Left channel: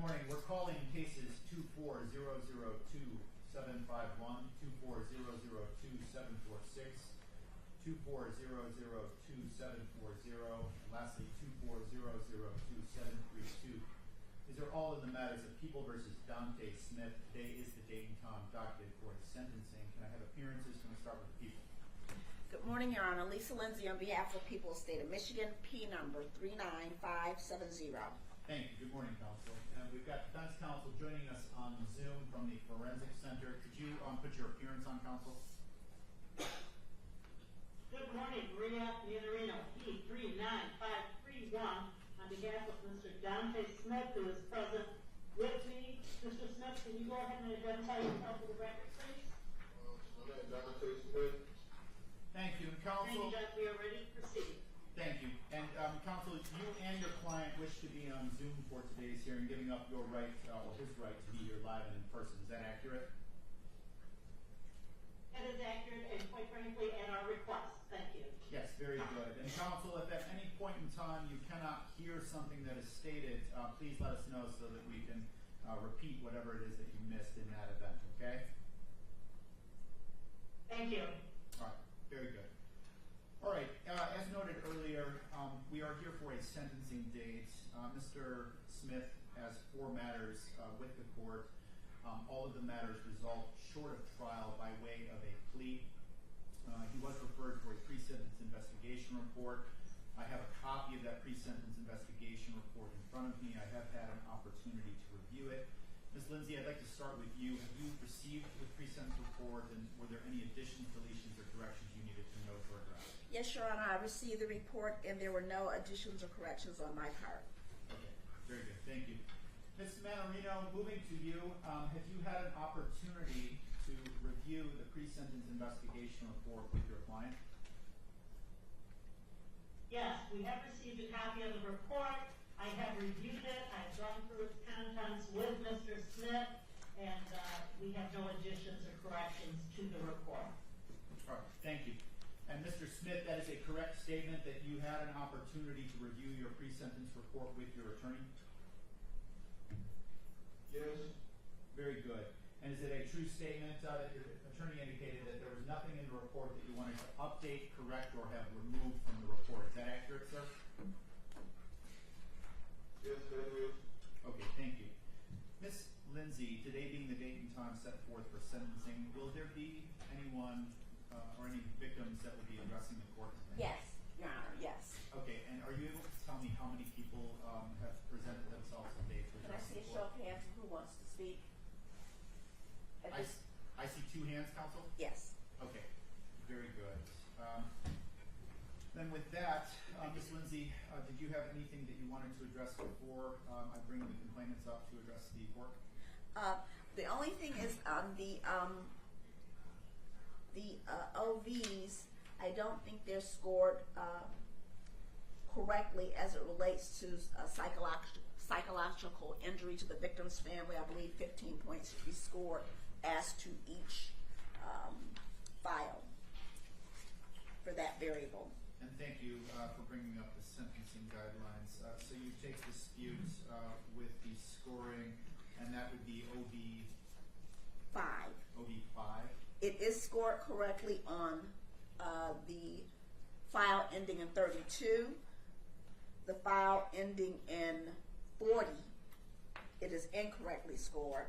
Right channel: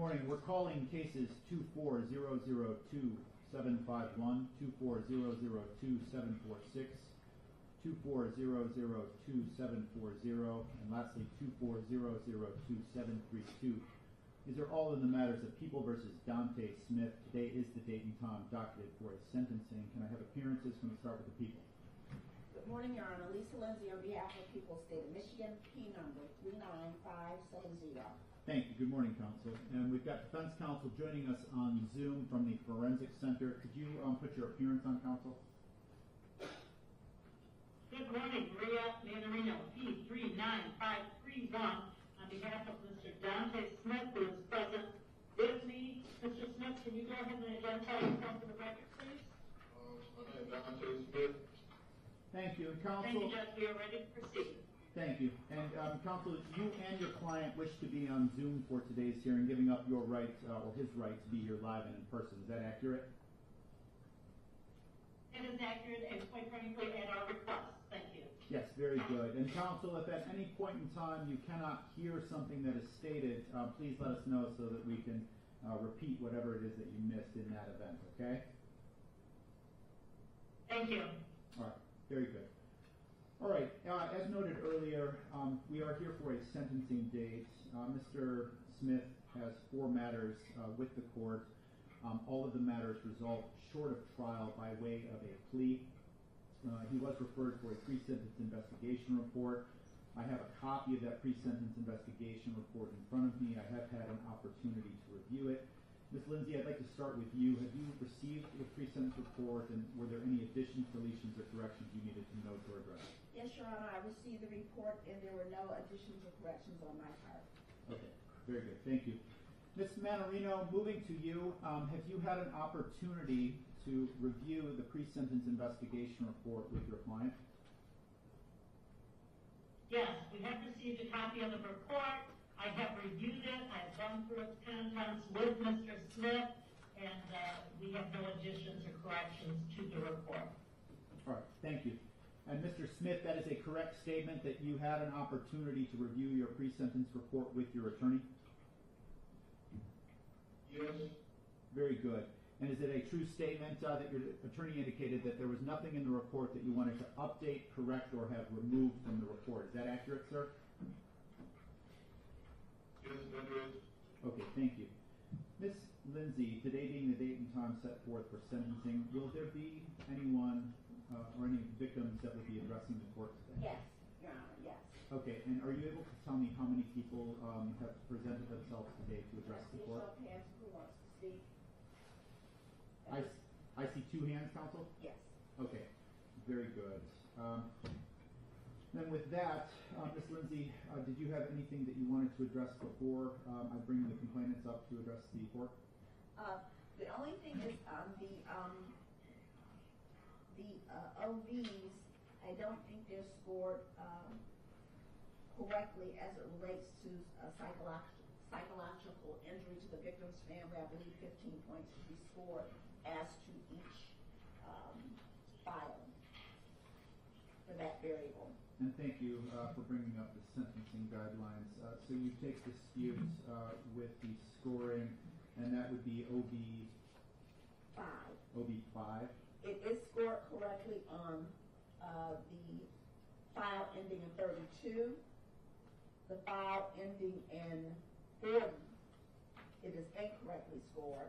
morning. We're calling cases 24002-751, 24002-746, 24002-740, and lastly 24002-732. These are all in the matters of People versus Dante Smith. Today is the date and time docketed for his sentencing. Can I have appearances? Can we start with the people? Good morning, Your Honor. Lisa Lindsay on behalf of the people of the state of Michigan, P number 39570. Thank you. Good morning, counsel. And we've got defense counsel joining us on Zoom from the Forensic Center. Could you put your appearance on, counsel? Good morning, Maria Manarino, P39531, on behalf of Mr. Dante Smith, who is present with me. Mr. Smith, can you go ahead and identify yourself for the record, please? My name is Dante Smith. Thank you. Counsel. Thank you, Judge. We are ready to proceed. Thank you. And counsel, you and your client wish to be on Zoom for today's hearing, giving up your right, or his right, to be here live and in person. Is that accurate? It is accurate and, quite frankly, at our request. Thank you. Yes, very good. And counsel, if at any point in time you cannot hear something that is stated, please let us know so that we can repeat whatever it is that you missed in that event, okay? Thank you. All right, very good. All right, as noted earlier, we are here for a sentencing date. Mr. Smith has 4 matters with the court. All of the matters result short of trial by way of a plea. He was referred for a pre-sentence investigation report. I have a copy of that pre-sentence investigation report in front of me. I have had an opportunity to review it. Ms. Lindsay, I'd like to start with you. Have you received the pre-sentence report, and were there any additions, deletions, or corrections you needed to note or address? Yes, Your Honor, I received the report and there were no additions or corrections on my part. Okay, very good. Thank you. Ms. Manarino, moving to you, have you had an opportunity to review the pre-sentence investigation report with your client? Yes, we have received a copy of the report. I have reviewed it. I've gone through its contents with Mr. Smith, and we have no additions or corrections to the report. All right, thank you. And Mr. Smith, that is a correct statement that you had an opportunity to review your pre-sentence report with your attorney? Yes. Very good. And is it a true statement that your attorney indicated that there was nothing in the report that you wanted to update, correct, or have removed from the report? Is that accurate, sir? Yes, that is. Okay, thank you. Ms. Lindsay, today being the date and time set forth for sentencing, will there be anyone or any victims that will be addressing the court today? Yes, Your Honor, yes. Okay, and are you able to tell me how many people have presented themselves today to address the Let's see a court? show of hands who wants to speak. I see 2 hands, counsel? Yes. Okay, very good. Then with that, Ms. Lindsay, did you have anything that you wanted to address before I bring the complainants up to address the court? The only thing is on the OVs, I don't think they're scored correctly as it relates to psychological injury to the victim's family. I believe 15 points should be scored as to each file for that variable. And thank you for bringing up the sentencing guidelines. So you take dispute with the scoring, and that would be OB 5. OB5. It is scored correctly on the file ending in 32. The file ending in 40, it is incorrectly scored.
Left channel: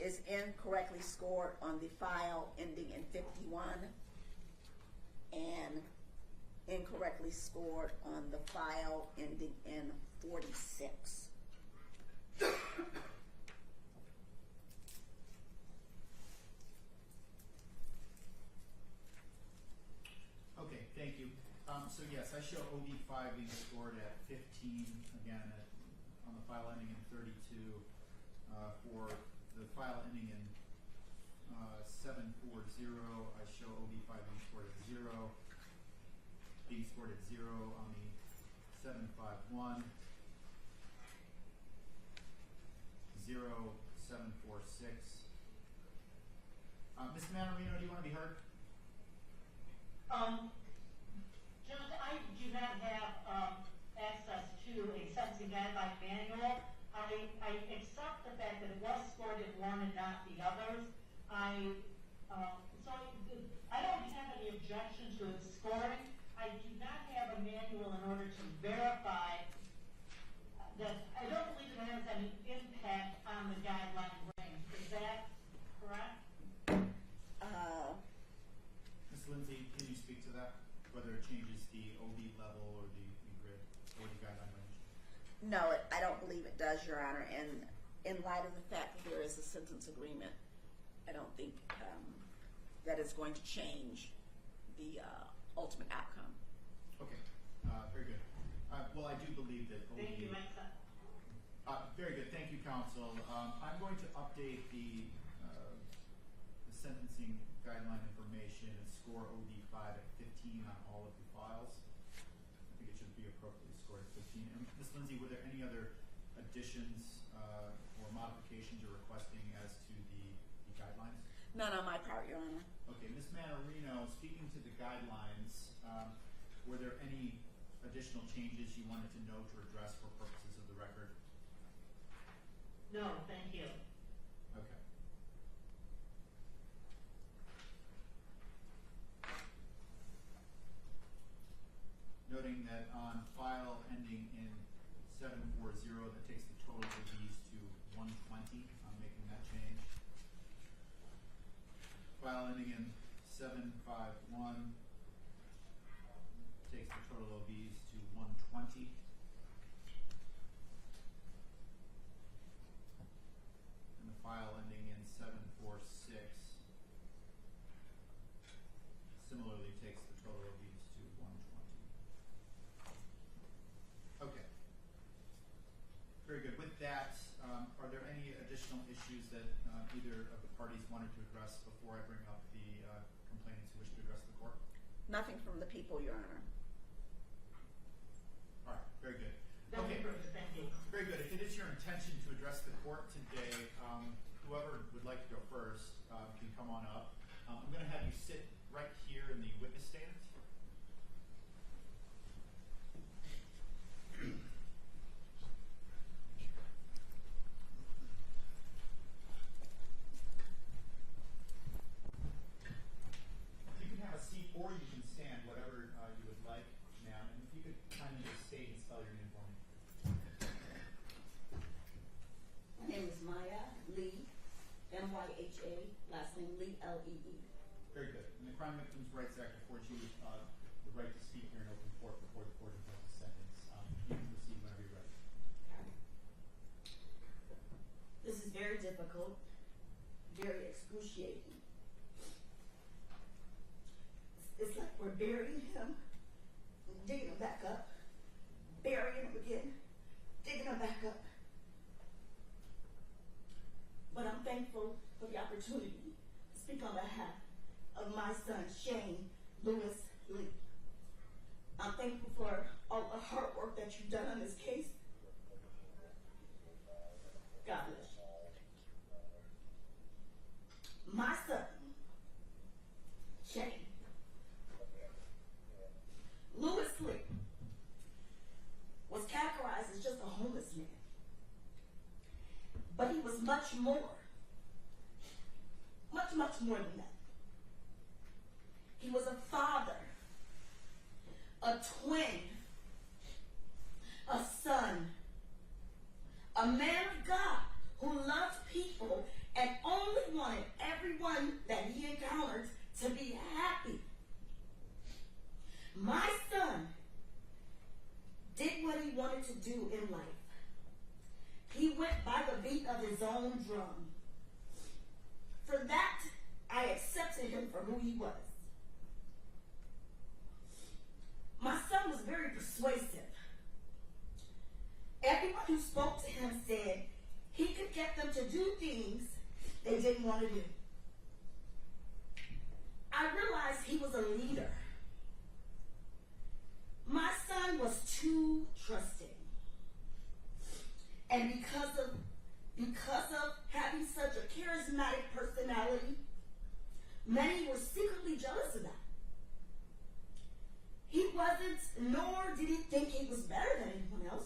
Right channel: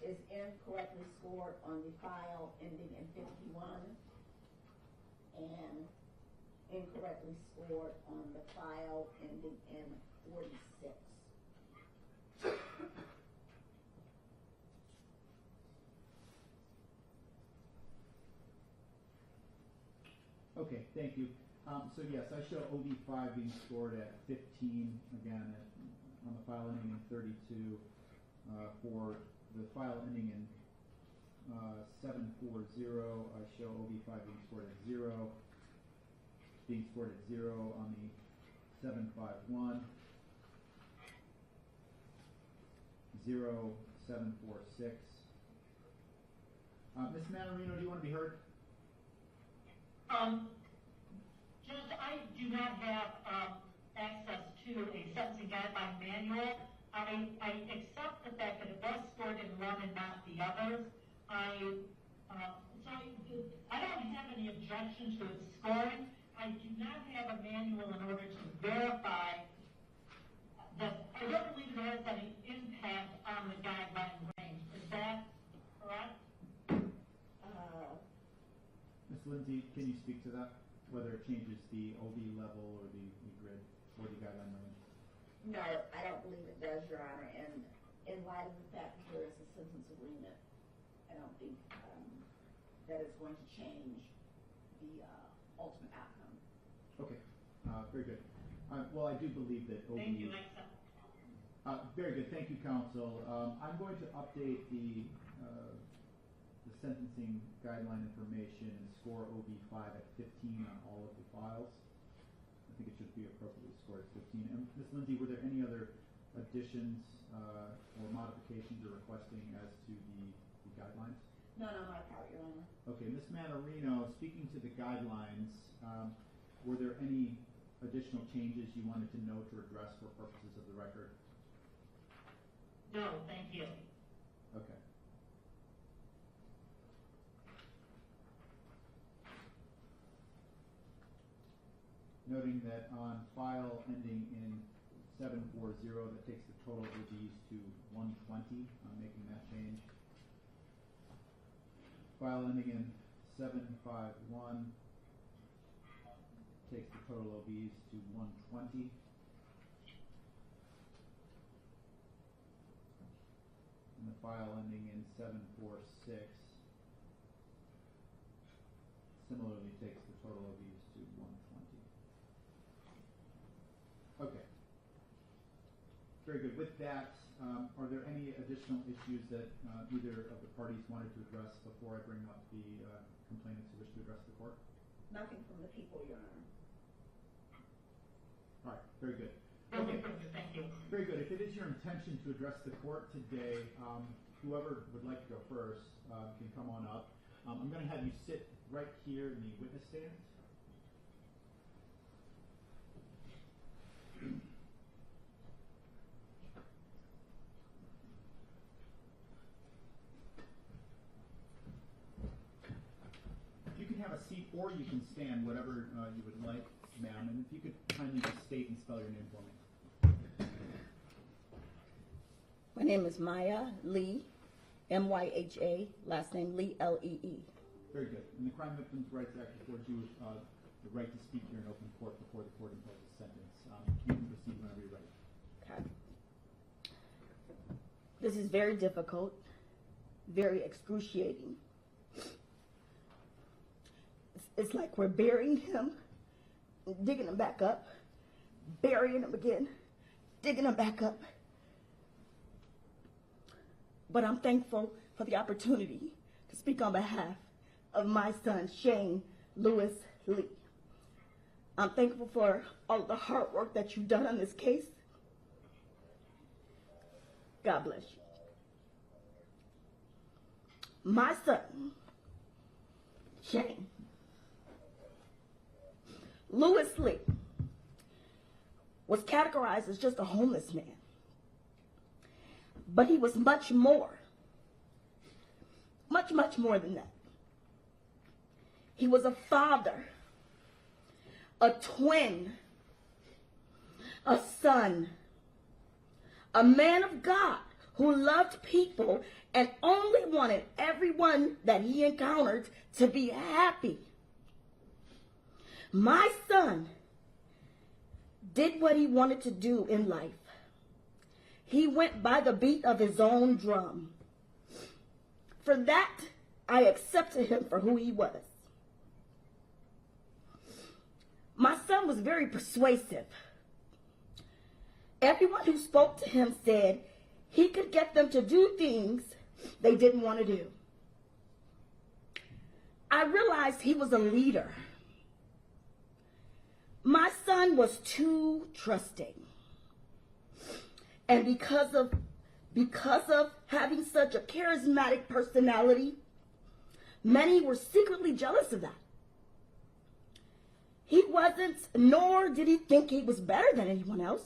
Is incorrectly scored on the file ending in 51 and incorrectly scored on the file ending in 46. Okay, thank you. So yes, I show OB5 being scored at 15, again, on the file ending in 32. For the file ending in 740, I show OB5 being scored at 0, on the 751, 0746. Ms. Manarino, do you want to be heard? Judge, I do not have access to to a sentencing guideline manual. I accept the fact that it was scored in one and not the others. I don't have any objection to its scoring. I do not have a manual in order to verify that. I don't believe it has any impact on the guideline range. Is that correct? Ms. Lindsay, can you speak to that? Whether it changes the OB level or the grid or the guideline range? No, I don't believe it does, Your Honor, and in light of the fact that there is a sentence agreement, I don't think that is going to change the ultimate outcome. Okay, very good. Well, I do believe that OB. Thank you, Mike. Very good. Thank you, counsel. I'm going to update the sentencing guideline information and score OB5 at 15 on all of the files. I think it should be appropriately scored at 15. And Ms. Lindsay, were there any other additions or modifications you're requesting as to the guidelines? None on my part, Your Honor. Okay, Ms. Manarino, speaking to the guidelines, were there any additional changes you wanted to note or address for purposes of the record? No, thank you. Okay. Noting that on file ending in 740, that takes the total of these to 120. I'm making that change. File ending in 751 takes the total OBs to 120. And the file ending in 746 similarly takes the total OBs to 120. Okay. Very good. With that, are there any additional issues that either of the parties wanted to address before I bring up the complainants who wish to address the court? Nothing from the people, Your Honor. All right. Very good. Okay, Okay. perfect. Thank you. Very good. If it is your intention to address the court today, whoever would like to go first can come on up. I'm going to have you sit right here in the witness stand. You can have a seat or you can stand, whatever you would like, ma'am. And if you could kindly just state and spell your name for me. My name is Maya Lee, M-Y-H-A, last name Lee, L-E-E. Very good. And the Crime Victims' Rights Act affords you the right to speak here in open court before the court imposes a sentence. You can proceed whenever you're ready. Okay. This is very difficult, very excruciating. It's like we're burying him, digging him back up, burying him again, digging him back up. But I'm thankful for the opportunity to speak on behalf of my son, Shane Lewis Lee. I'm thankful for all the hard work that you've done on this case. God bless you. My son, Shane Lewis Lee, was categorized as just a homeless man. But he was much more. Much, much more than that. He was a father, a twin, a son, a man of God who loved people and only wanted everyone that he encountered to be happy. My son did what he wanted to do in life. He went by the beat of his own drum. For that, I accepted him for who he was. My son was very persuasive. Everyone who spoke to him said he could get them to do things they didn't want to do. I realized he was a leader. My son was too trusting. And because of having such a charismatic personality, many were secretly jealous of that. He wasn't, nor did he think he was better than anyone else.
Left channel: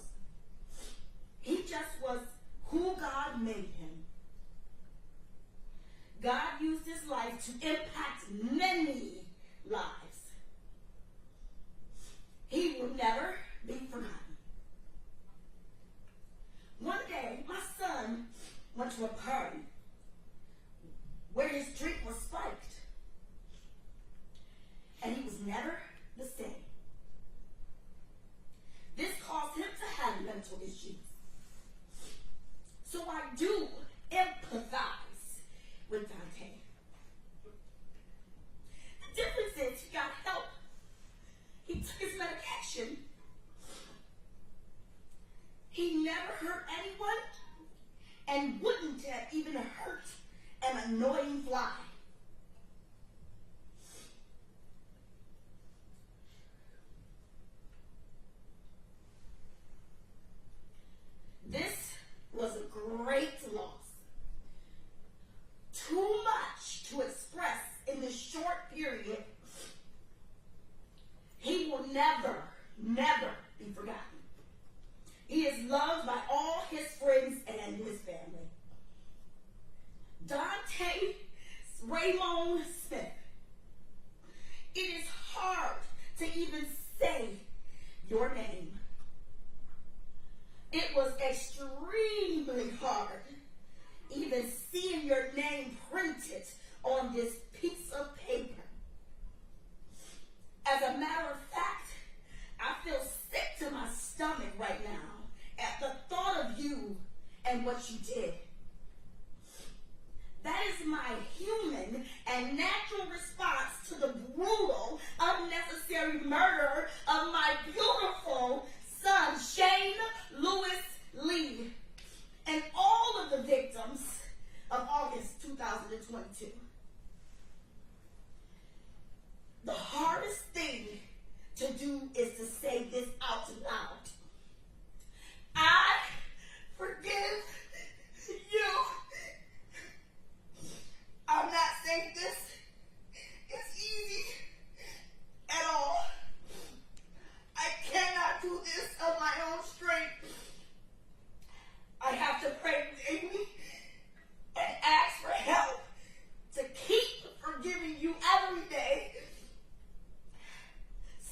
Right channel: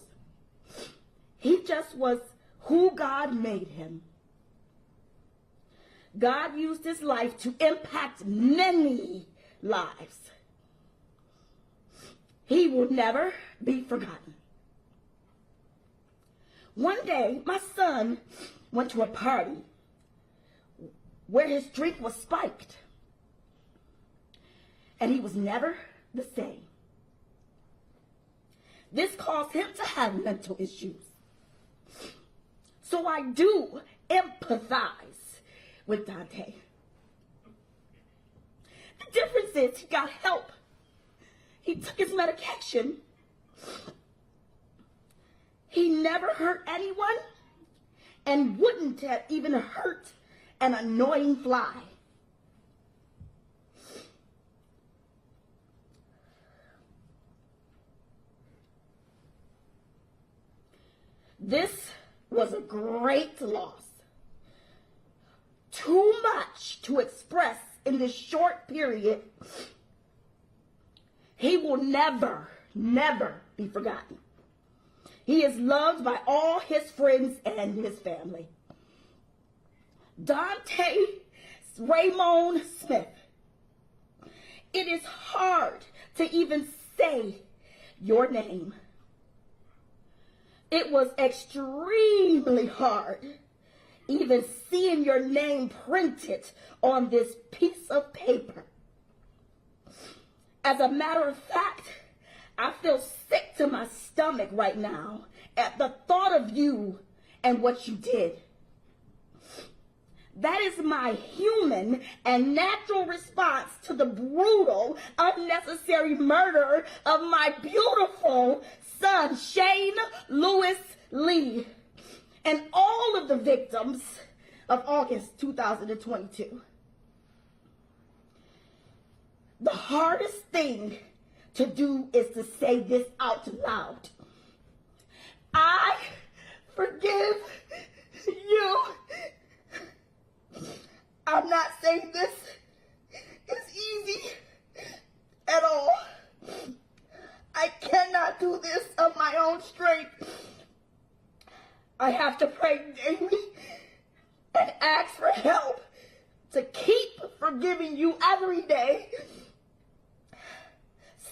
He just was who God made him. God used his life to impact many lives. He will never be forgotten. One day, my son went to a party where his drink was spiked, and he was never the same. This caused him to have mental issues. So I do empathize with Dante. The difference is he got help. He took his medication. He never hurt anyone and wouldn't have even hurt an annoying fly. This was a great loss. Too much to express in this short period. He will never, never be forgotten. He is loved by all his friends and his family. Dante Raymond Smith. It is hard to even say your name. It was extremely hard even seeing your name printed on this piece of paper. As a matter of fact, I feel sick to my stomach right now at the thought of you and what you did. That is my human and natural response to the brutal, unnecessary murder of my beautiful son, Shane Lewis Lee, and all of the victims of August 2022. The hardest thing to do is to say this out loud. I forgive you. I'm not saying this is easy at all. I cannot do this of my own strength. I have to pray daily and ask for help to keep forgiving you every day.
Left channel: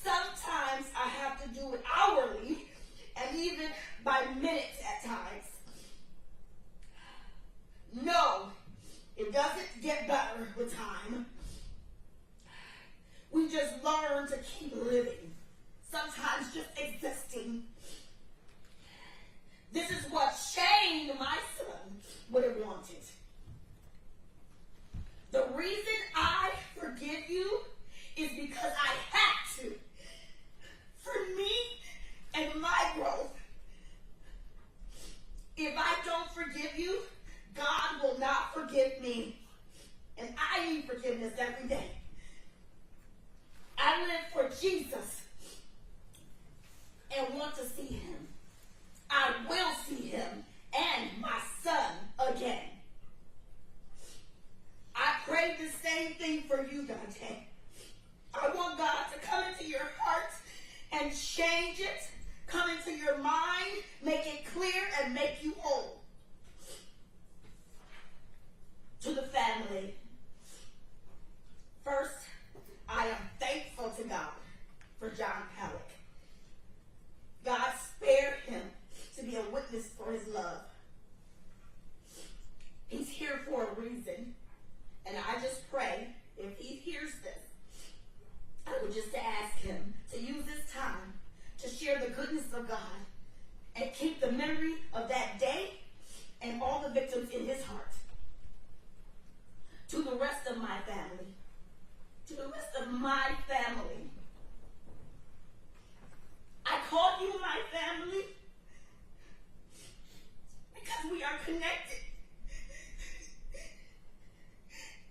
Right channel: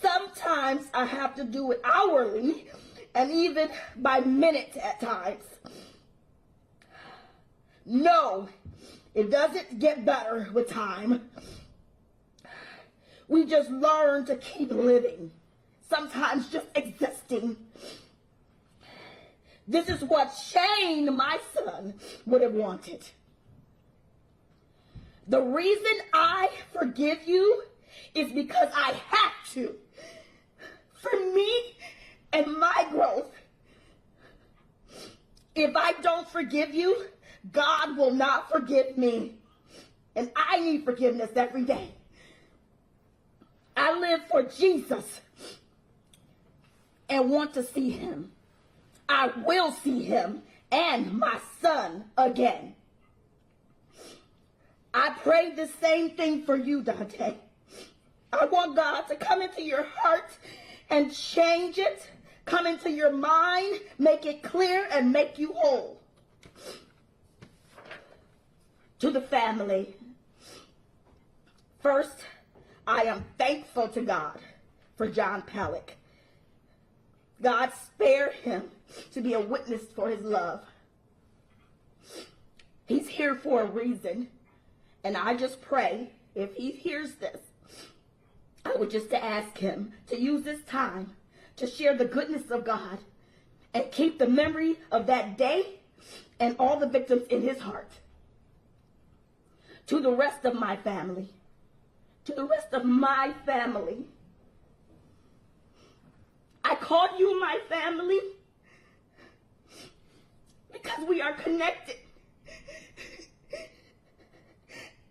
Sometimes I have to do it hourly and even by minute at times. No, it doesn't get better with time. We just learn to keep living, sometimes just existing. This is what Shane, my son, would have wanted. The reason I forgive you is because I have to. For me and my growth. If I don't forgive you, God will not forgive me. And I need forgiveness every day. I live for Jesus and want to see him. I will see him and my son again. I pray the same thing for you, Dante. I want God to come into your heart and change it, come into your mind, make it clear, and make you whole. To the family, first, I am thankful to God for John Palak. God spared him to be a witness for his love. He's here for a reason, and I just pray if he hears this, I would just ask him to use this time to share the goodness of God and keep the memory of that day and all the victims in his heart. To the rest of my family, I call you my family because we are connected,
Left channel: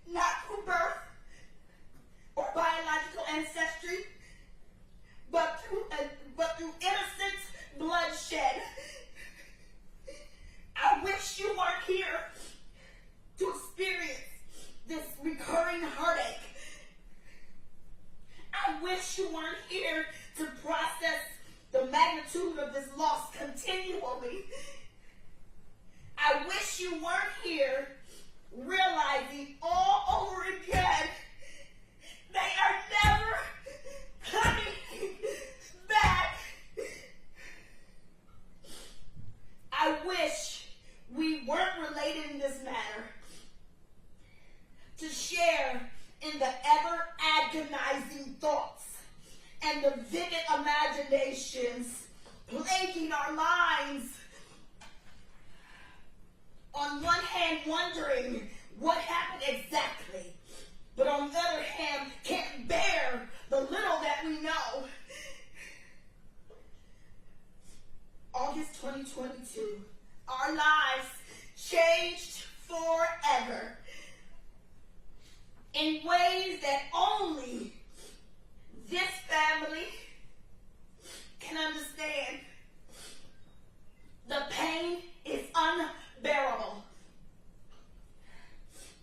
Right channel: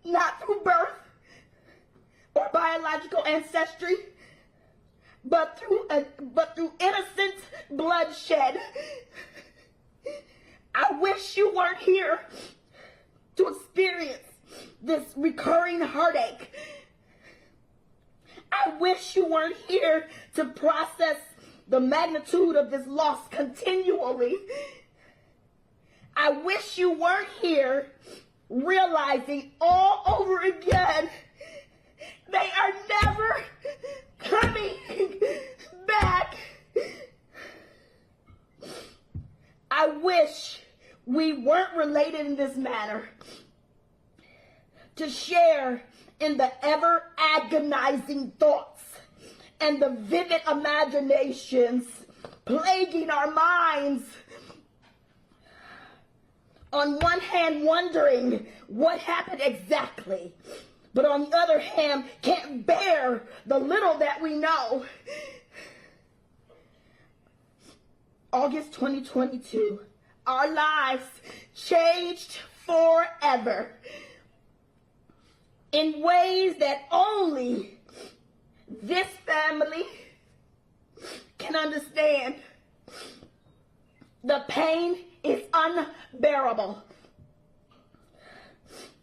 not through birth or biological ancestry, but through innocent bloodshed. I wish you weren't here to experience this recurring heartache. I wish you weren't here to process the magnitude of this loss continually. I wish you weren't here realizing all over again they are never coming back. I wish we weren't related in this manner to share in the ever agonizing thoughts and the vivid imaginations plaguing our minds. On one hand, wondering what happened exactly, but on the other hand, can't bear the little that we know. August 2022, our lives changed forever in ways that only this family can understand. The pain is unbearable.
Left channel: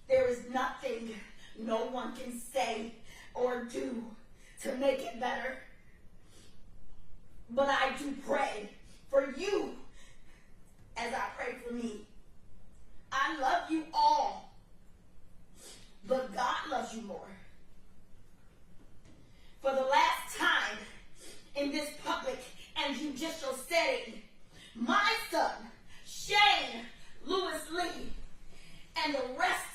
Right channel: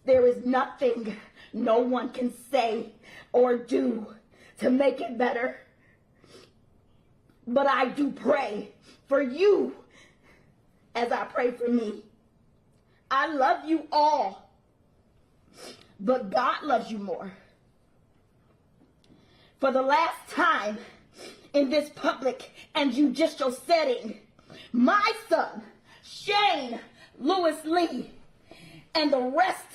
There is nothing no one can say or do to make it better. But I do pray for you as I pray for me. I love you all, but God loves you more. For the last time in this public and judicial setting, my son, Shane Lewis Lee, and the rest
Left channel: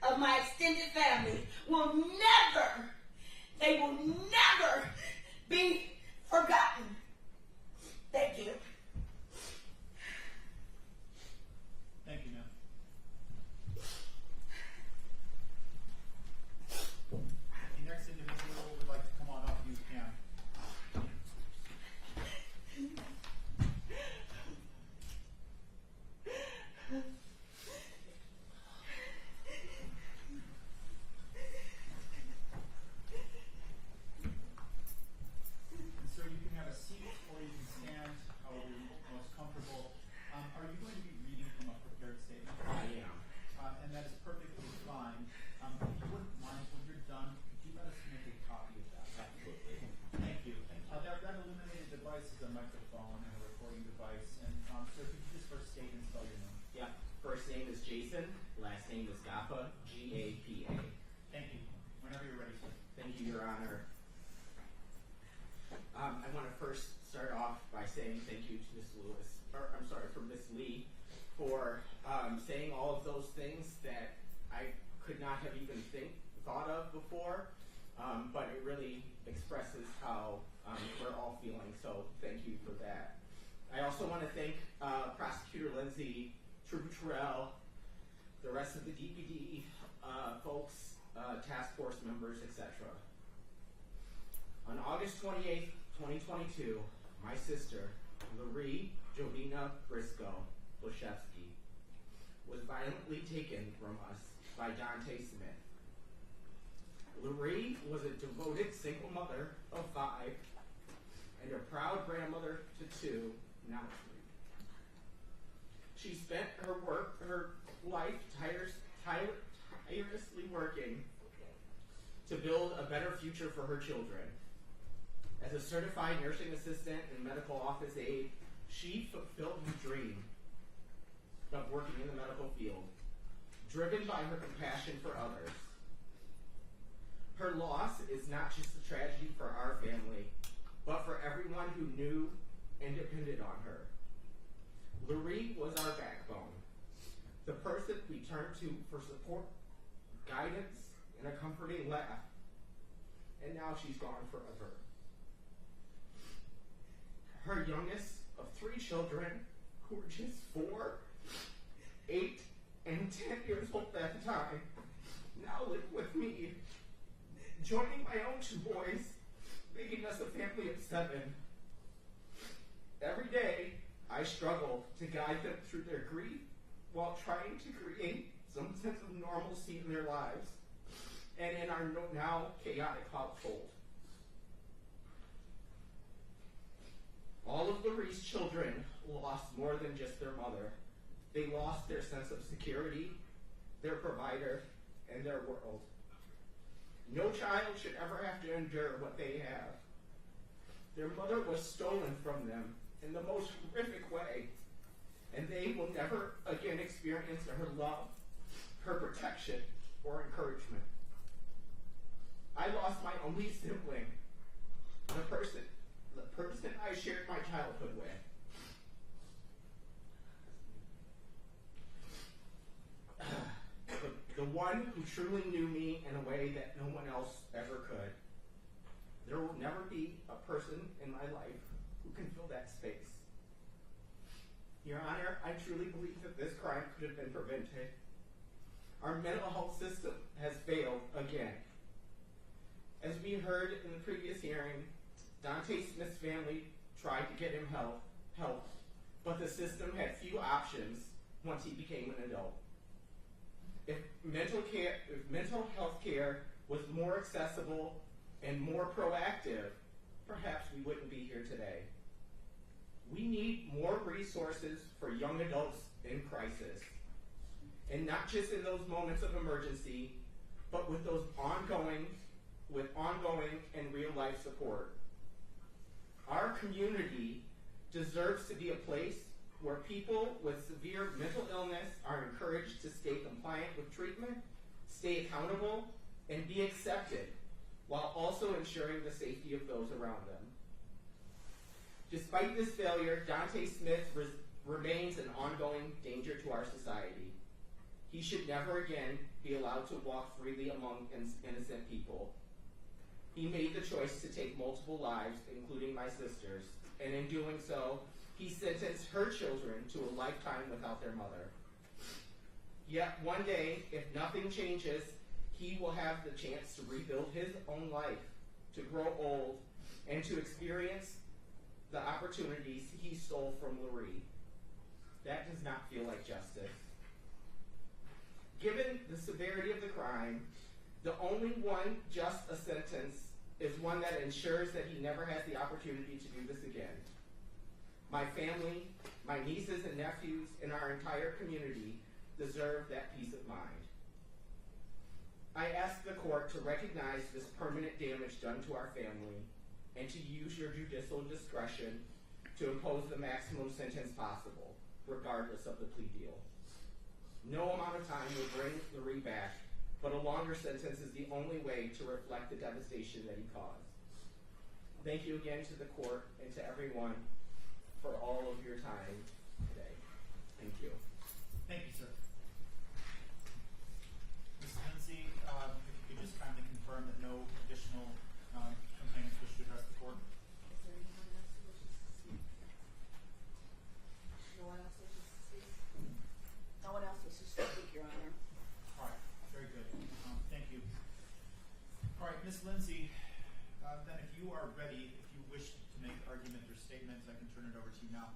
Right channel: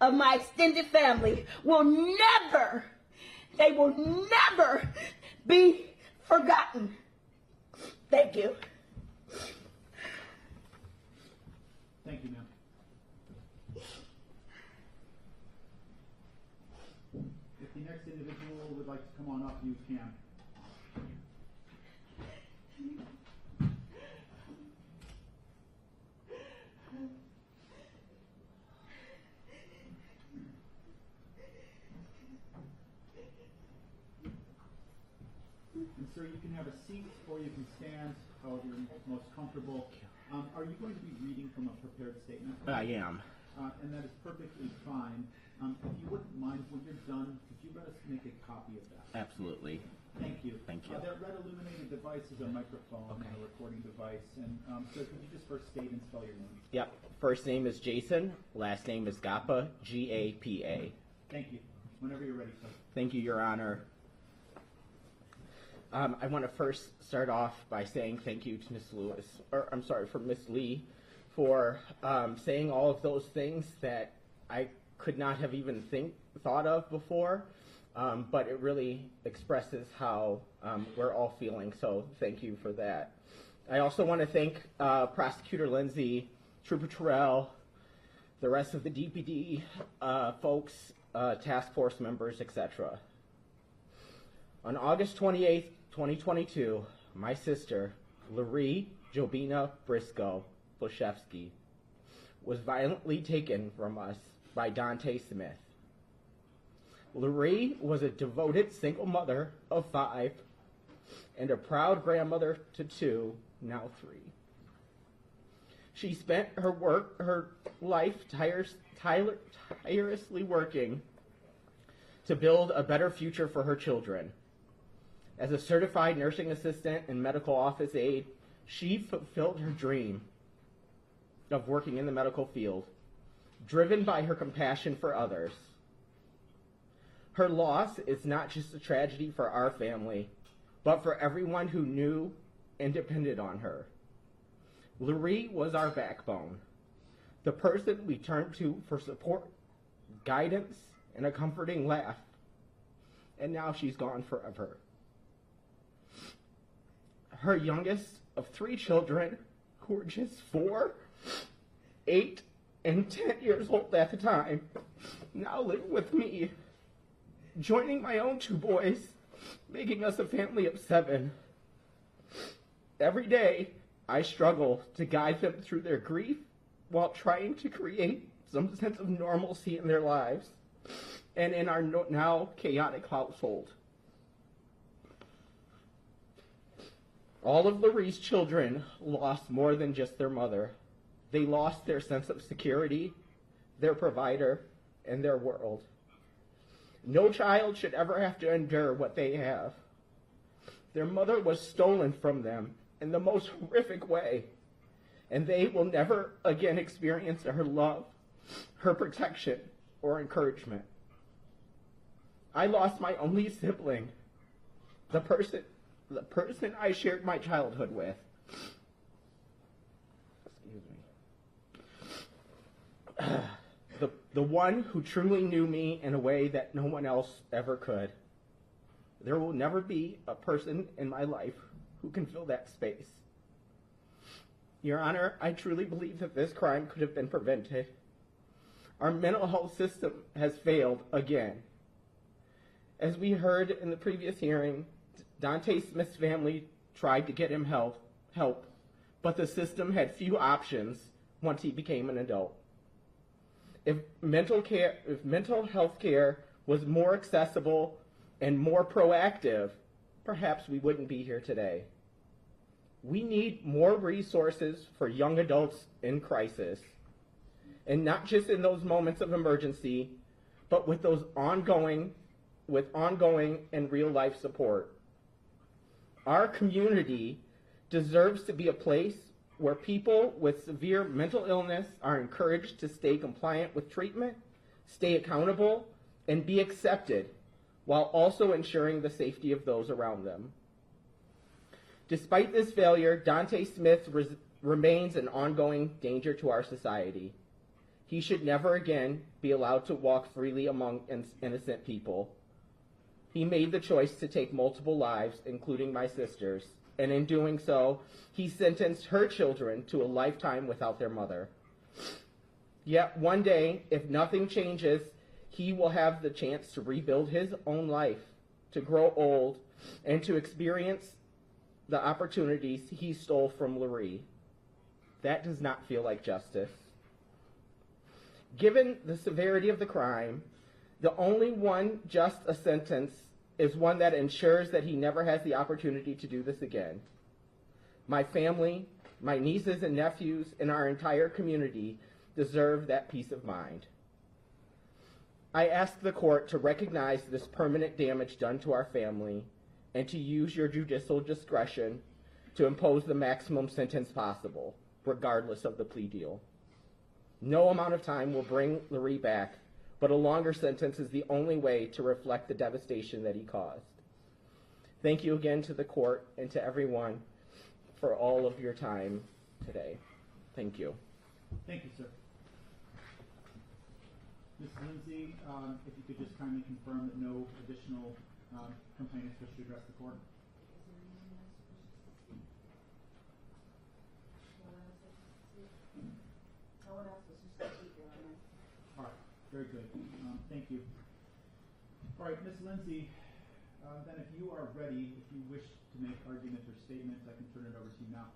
of my extended family will never be forgotten. Thank you. Thank you, ma'am. If the next individual would like to come on up, you can. And sir, you can have a seat or you can stand, however you're most comfortable. Are you going to be reading from a prepared statement? I am. And that is perfectly fine. If you wouldn't mind, when you're done, could you let us make a copy of that? Absolutely. Thank you. Thank you. That red illuminated device is a microphone and a recording device. And sir, could you just first state and spell your name? Yep. First name is Jason. Last name is Gapa. G-A-P-A. Thank you. Whenever you're ready, sir. Thank you, Your Honor. I want to first start off by saying thank you to Miss Lee, for saying all of those things that I could not have even thought of before, but it really expresses how we're all feeling, so thank you for that. I also want to thank Prosecutor Lindsay, Trooper Terrell, the rest of the DPD folks, task force members, etc. On August 28th, 2022, my sister, Laree Jobina Briscoe Boshevsky, was violently taken from us by Dante Smith. Laree was a devoted single mother of 5 and a proud grandmother to 2, now 3. She spent her life tirelessly working to build a better future for her children. As a certified nursing assistant and medical office aide, she fulfilled her dream of working in the medical field, driven by her compassion for others. Her loss is not just a tragedy for our family, but for everyone who knew and depended on her. Laree was our backbone, the person we turned to for support, guidance, and a comforting laugh. And now she's gone forever. Her youngest of 3 children, who were just 4, 8, and 10 years old at the time, now live with me, joining my own 2 boys, making us a family of 7. Every day, I struggle to guide them through their grief while trying to create some sense of normalcy in their lives and in our now chaotic household. All of Laree's children lost more than just their mother. They lost their sense of security, their provider, and their world. No child should ever have to endure what they have. Their mother was stolen from them in the most horrific way, and they will never again experience her love, her protection, or encouragement. I lost my only sibling, the person I shared my childhood with. The one who truly knew me in a way that no one else ever could. There will never be a person in my life who can fill that space. Your Honor, I truly believe that this crime could have been prevented. Our mental health system has failed again. As we heard in the previous hearing, Dante Smith's family tried to get him help, but the system had few options once he became an adult. If mental health care was more accessible and more proactive, perhaps we wouldn't be here today. We need more resources for young adults in crisis, and not just in those moments of emergency, but with those ongoing and real life support. Our community deserves to be a place where people with severe mental illness are encouraged to stay compliant with treatment, stay accountable, and be accepted, while also ensuring the safety of those around them. Despite this failure, Dante Smith remains an ongoing danger to our society. He should never again be allowed to walk freely among innocent people. He made the choice to take multiple lives, including my sister's, and in doing so, he sentenced her children to a lifetime without their mother. Yet one day, if nothing changes, he will have the chance to rebuild his own life, to grow old, and to experience the opportunities he stole from Lurie. That does not feel like justice. Given the severity of the crime, the only one just a sentence is one that ensures that he never has the opportunity to do this again. My family, my nieces and nephews, and our entire community deserve that peace of mind. I ask the court to recognize this permanent damage done to our family and to use your judicial discretion to impose the maximum sentence possible, regardless of the plea deal. No amount of time will bring Lurie back, but a longer sentence is the only way to reflect the devastation that he caused. Thank you again to the court and to everyone for all of your time today. Thank you. Thank you, sir. Ms. Lindsay, if you could just kindly confirm that no additional complainants wish to address the court. No one else wishes to speak, Your Honor. All right, very good. Thank you. All right, Ms. Lindsay, then if you are ready, if you wish to make argument or statements, I can turn it over to you now.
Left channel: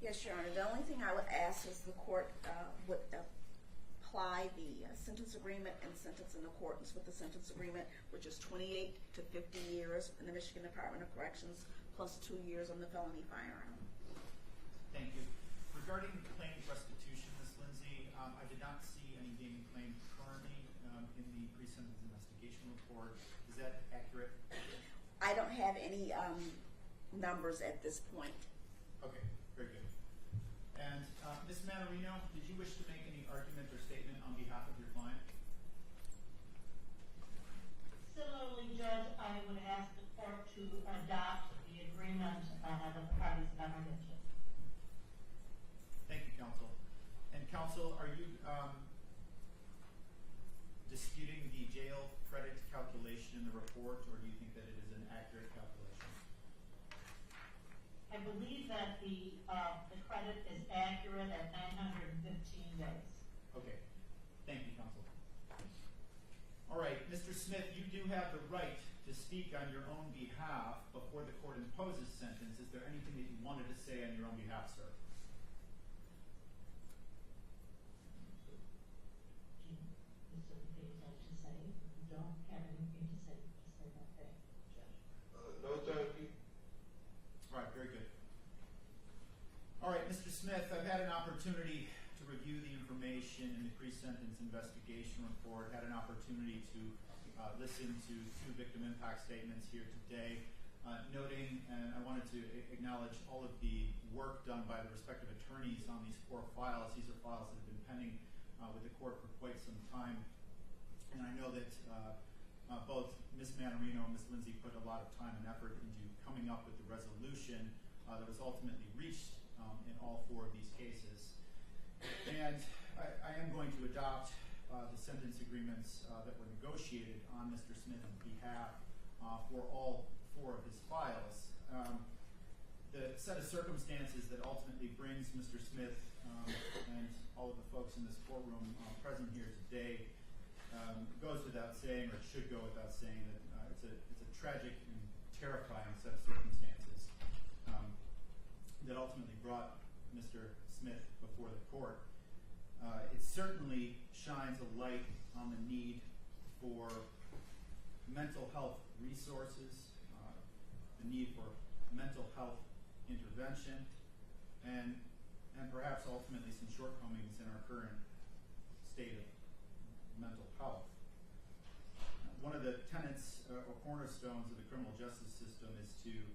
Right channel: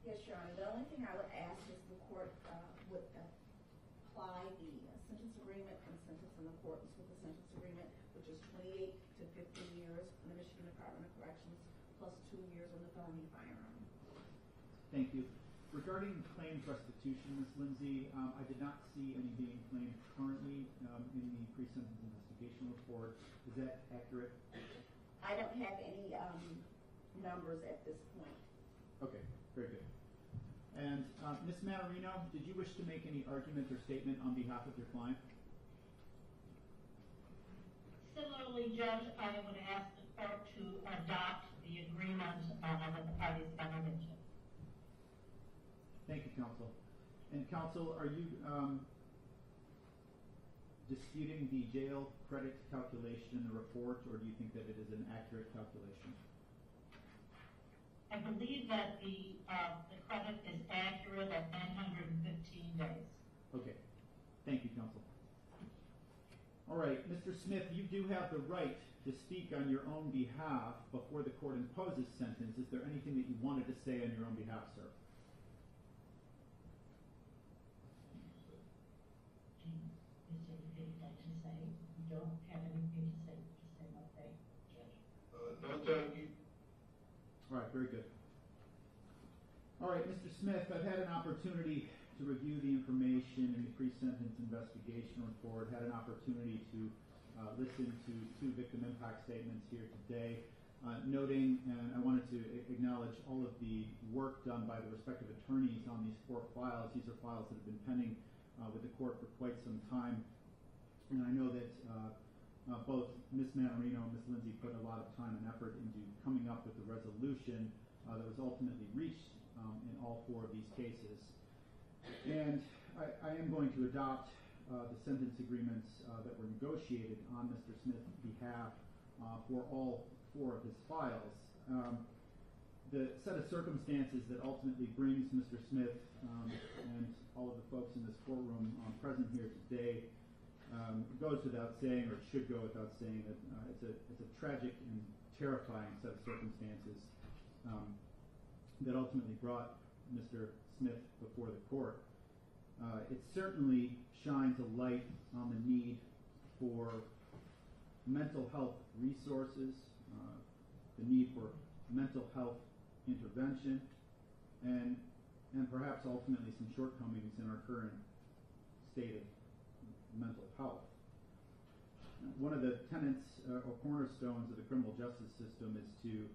Yes, Your Honor. The only thing I would ask is the court would apply the sentence agreement and sentence in accordance with the sentence agreement, which is 28 to 50 years in the Michigan Department of Corrections, plus 2 years on the felony firearm. Thank you. Regarding claims restitution, Ms. Lindsay, I did not see any being claimed currently in the pre-sentence investigation report. Is that accurate? I don't have any numbers at this point. Okay, very good. And Ms. Manarino, did you wish to make any argument or statement on behalf of your client? Similarly, Judge, I would ask the court to adopt the agreement that the parties have mentioned. Thank you, counsel. And counsel, are you disputing the jail credit calculation in the report, or do you think that it is an accurate calculation? I believe that the credit is accurate at 915 days. Okay. Thank you, counsel. All right, Mr. Smith, you do have the right to speak on your own behalf before the court imposes sentence. Is there anything that you wanted to say on your own behalf, sir? Is there anything you'd like to say? You don't have anything to say that thing, Judge. No, Judge. All right, very good. All right, Mr. Smith, I've had an opportunity to review the information in the pre-sentence investigation report, had an opportunity to listen to 2 victim impact statements here today. noting, and I wanted to acknowledge all of the work done by the respective attorneys on these 4 files. These are files that have been pending with the court for quite some time, and I know that both Ms. Manarino and Ms. Lindsay put a lot of time and effort into coming up with the resolution that was ultimately reached in all 4 of these cases. And I am going to adopt the sentence agreements that were negotiated on Mr. Smith's behalf for all 4 of his files. The set of circumstances that ultimately brings Mr. Smith and all of the folks in this courtroom present here today goes without saying, or should go without saying, that it's a tragic and terrifying set of circumstances that ultimately brought Mr. Smith before the court. It certainly shines a light on the need for mental health resources, the need for mental health intervention, and perhaps ultimately some shortcomings in our current state of mental health. One of the tenets or cornerstones of the criminal justice system is to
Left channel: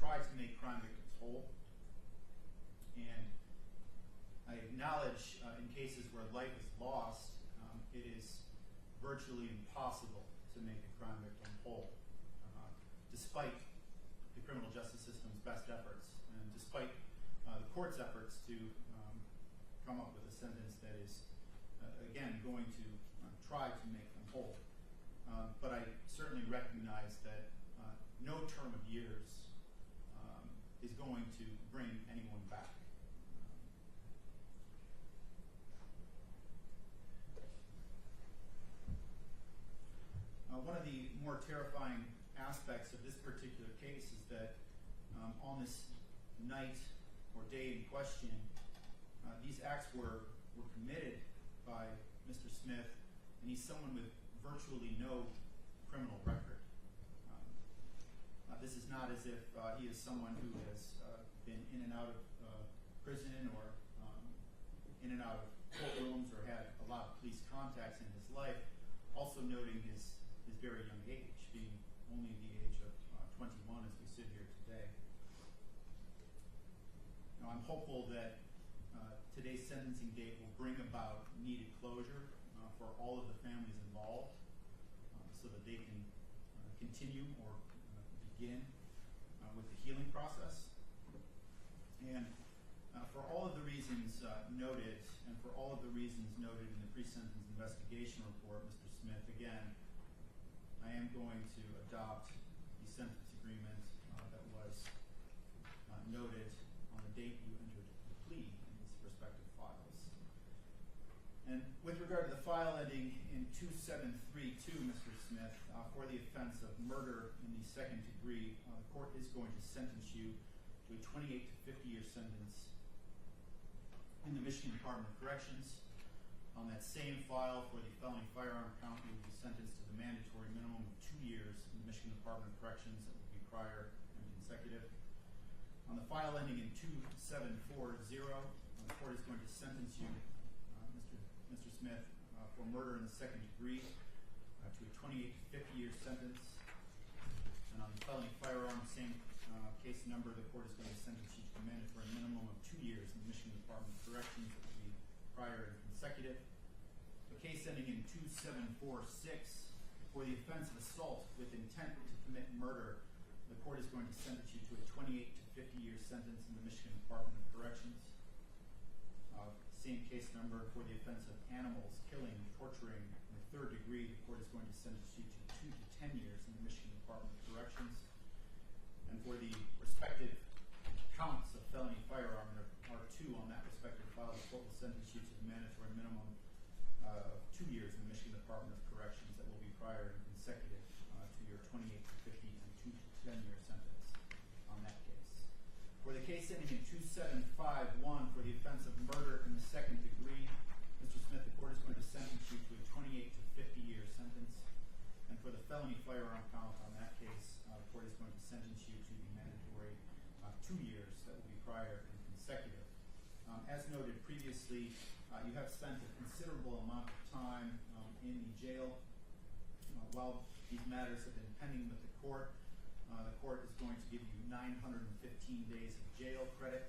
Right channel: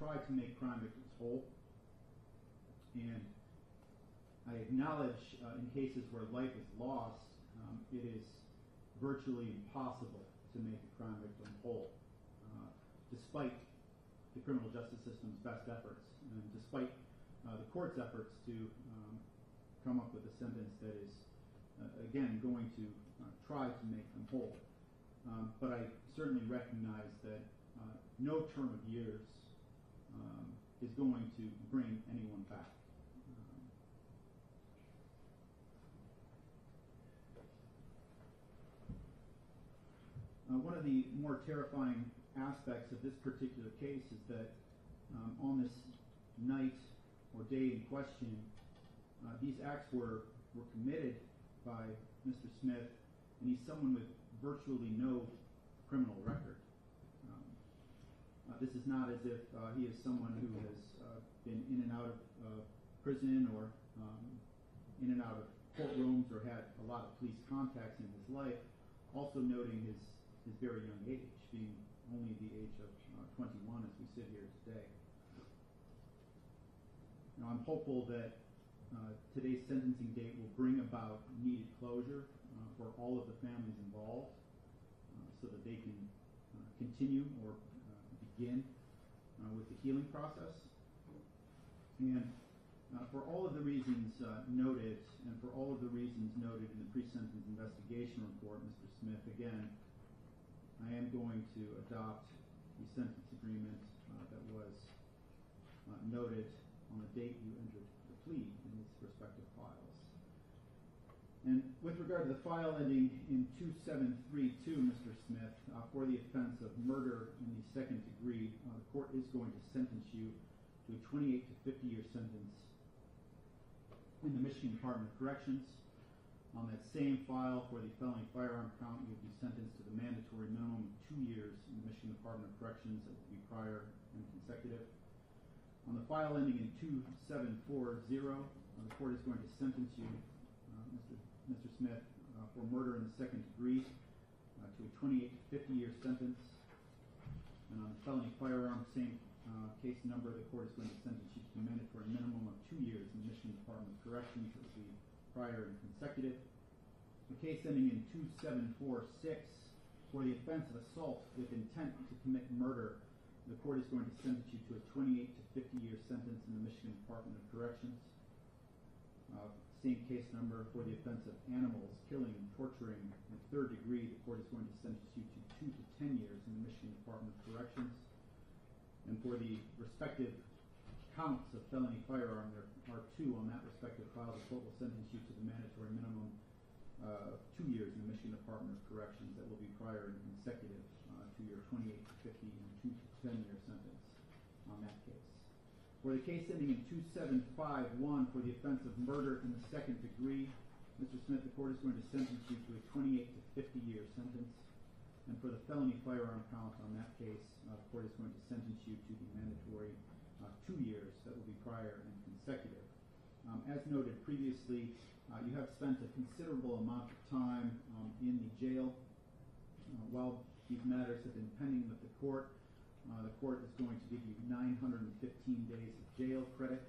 try to make crime victims whole. And I acknowledge in cases where life is lost, it is virtually impossible to make a crime victim whole, despite the criminal justice system's best efforts, and despite the court's efforts to come up with a sentence that is, again, going to try to make them whole. But I certainly recognize that no term of years is going to bring anyone back. One of the more terrifying aspects of this particular case is that on this night or day in question, these acts were committed by Mr. Smith, and he's someone with virtually no criminal record. This is not as if he is someone who has been in and out of prison or in and out of courtrooms or had a lot of police contacts in his life, also noting his very young age, being only the age of 21 as we sit here today. Now, I'm hopeful that today's sentencing date will bring about needed closure for all of the families involved, so that they can continue or begin with the healing process. And for all of the reasons noted, and for all of the reasons noted in the pre-sentence investigation report, Mr. Smith, again, I am going to adopt the sentence agreement that was noted on the date you entered the plea in these respective files. And with regard to the file ending in 2732, Mr. Smith, for the offense of murder in the second degree, the court is going to sentence you to a 28 to 50-year sentence in the Michigan Department of Corrections. On that same file for the felony firearm count, you will be sentenced to the mandatory minimum of 2 years in the Michigan Department of Corrections that will be prior and consecutive. On the file ending in 2740, the court is going to sentence you, Mr. Smith, for murder in the second degree to a 28 to 50-year sentence. And on the felony firearm, same case number, the court is going to sentence you to the mandatory minimum of 2 years in the Michigan Department of Corrections that will be prior and consecutive. The case ending in 2746, for the offense of assault with intent to commit murder, the court is going to sentence you to a 28 to 50-year sentence in the Michigan Department of Corrections. Same case number, for the offense of animals, killing, torturing, in third degree, the court is going to sentence you to 2 to 10 years in the Michigan Department of Corrections. And for the respective counts of felony firearm, there are 2 on that respective file, the court will sentence you to the mandatory minimum of 2 years in the Michigan Department of Corrections that will be prior and consecutive to your 28 to 50 and 2 to 10-year sentence on that case. For the case ending in 2751, for the offense of murder in the second degree, Mr. Smith, the court is going to sentence you to a 28 to 50-year sentence. And for the felony firearm count on that case, the court is going to sentence you to the mandatory 2 years that will be prior and consecutive. As noted previously, you have spent a considerable amount of time in the jail. While These matters have been pending with the court. The court is going to give you 915 days of jail credit.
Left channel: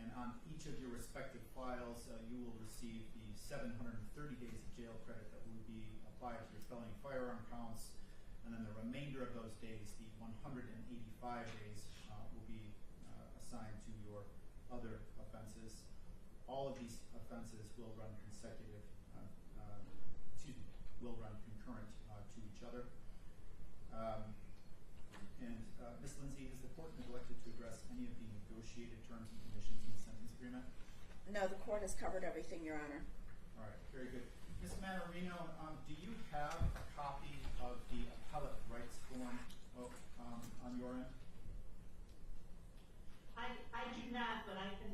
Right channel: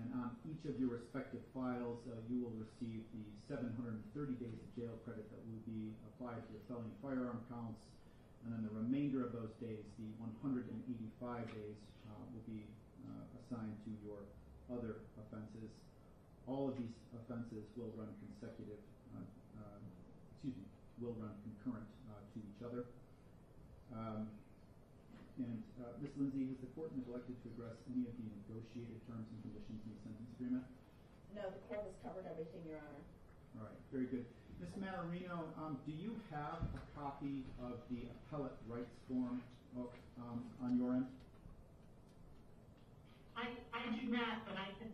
And on each of your respective files, you will receive the 730 days of jail credit that will be applied to your felony firearm counts. And then the remainder of those days, the 185 days, will be assigned to your other offenses. All of these offenses will run will run concurrent to each other. Ms. Lindsay, has the court neglected to address any of the negotiated terms and conditions in the sentence agreement? No, the court has covered everything, Your Honor. All right, very good. Ms. Manarino, do you have a copy of the appellate rights form on your end? I do not, but I can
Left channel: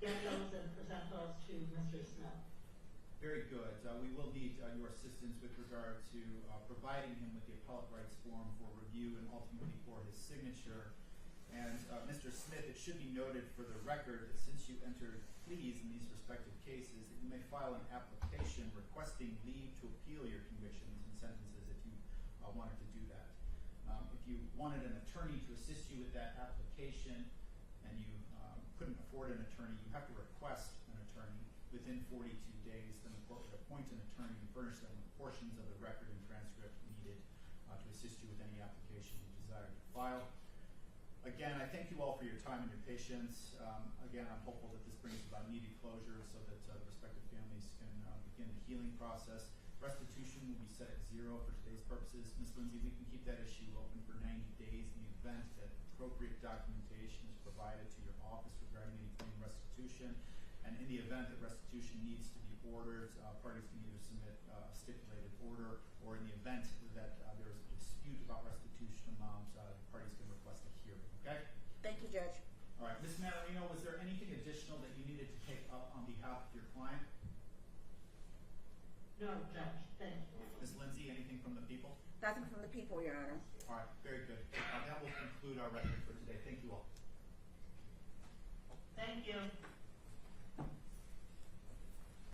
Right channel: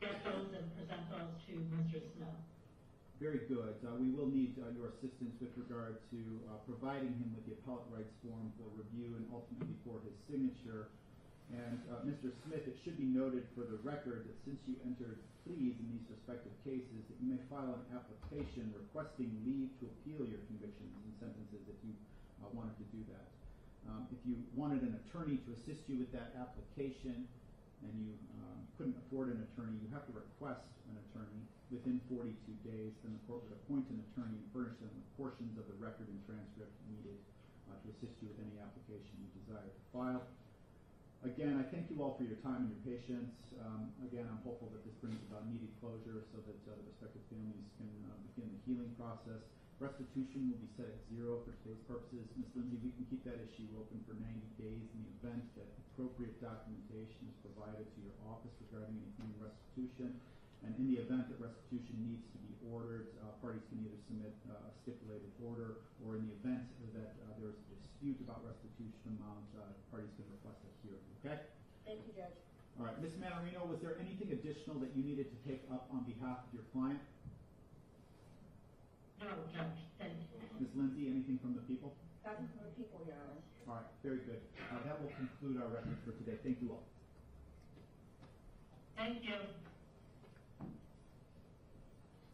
get those and present those to Mr. Smith. Very good. We will need your assistance with regard to providing him with the appellate rights form for review and ultimately for his signature. And Mr. Smith, it should be noted for the record that since you entered pleas in these respective cases, that you may file an application requesting leave to appeal your convictions and sentences if you wanted to do that. If you wanted an attorney to assist you with that application and you couldn't afford an attorney, you have to request an attorney within 42 days. Then the court would appoint an attorney and furnish them with portions of the record and transcript needed to assist you with any application you desire to file. Again, I thank you all for your time and your patience. Again, I'm hopeful that this brings about needed closure so that the respective families can begin the healing process. Restitution will be set at 0 for today's purposes. Ms. Lindsay, we can keep that issue open for 90 days in the event that appropriate documentation is provided to your office regarding any claim restitution. And in the event that restitution needs to be ordered, parties can either submit a stipulated order, or in the event that there is a dispute about restitution amount, parties can request a hearing. Okay? Thank you, Judge. All right. Ms. Manarino, was there anything additional that you needed to take up on behalf of your client? No, Judge, thank you. Ms. Lindsay, anything from the people? Nothing from the people, Your Honor. All right. Very good. That will conclude our record for today. Thank you all. Thank you.